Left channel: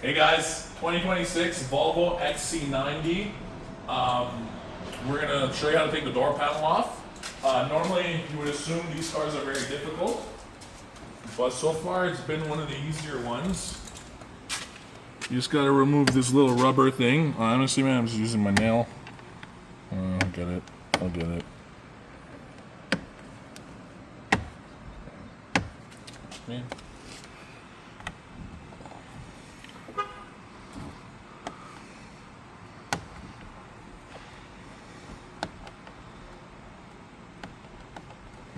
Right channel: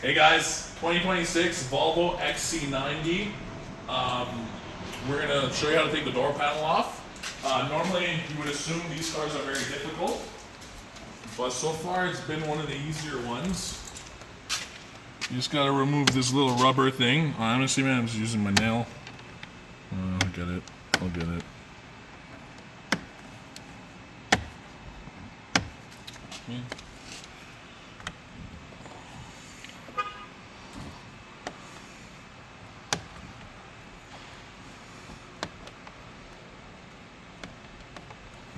Hey guys, 2026 Volvo XC90. We're gonna show you how to take the door panel off. Normally you would assume these cars are very difficult, but so far it's been one of the easier ones. You just gotta remove this little rubber thing. Honestly, man, I'm just using my nail. I'll get it. I'll get it. Okay.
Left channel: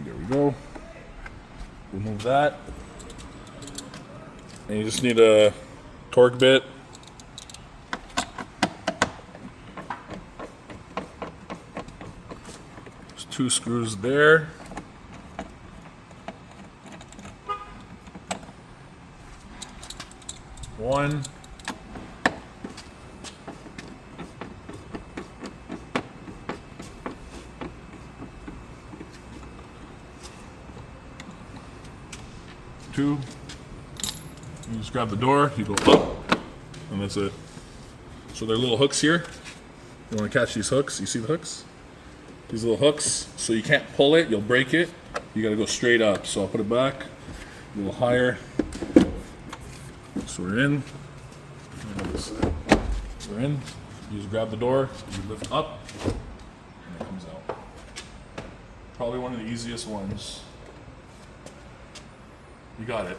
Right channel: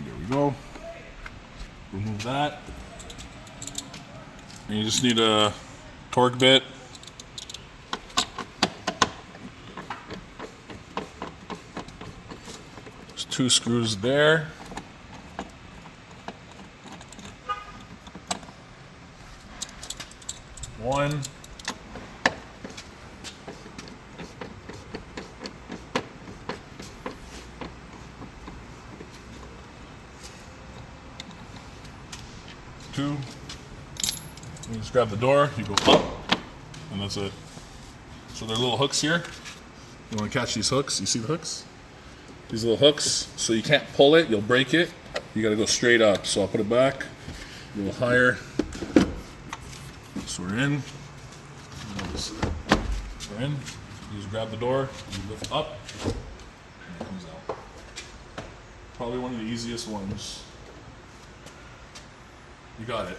There we go. Remove that. And you just need a torque bit. There's 2 screws there. One. Two. You just grab the door, you go up, and that's it. So there are little hooks here. You want to catch these hooks? You see the hooks? These little hooks, so you can't pull it, you'll break it. You gotta go straight up. So I'll put it back, a little higher. So we're in. We're in. You just grab the door, you lift up, and it comes out. Probably one of the easiest ones. You got it.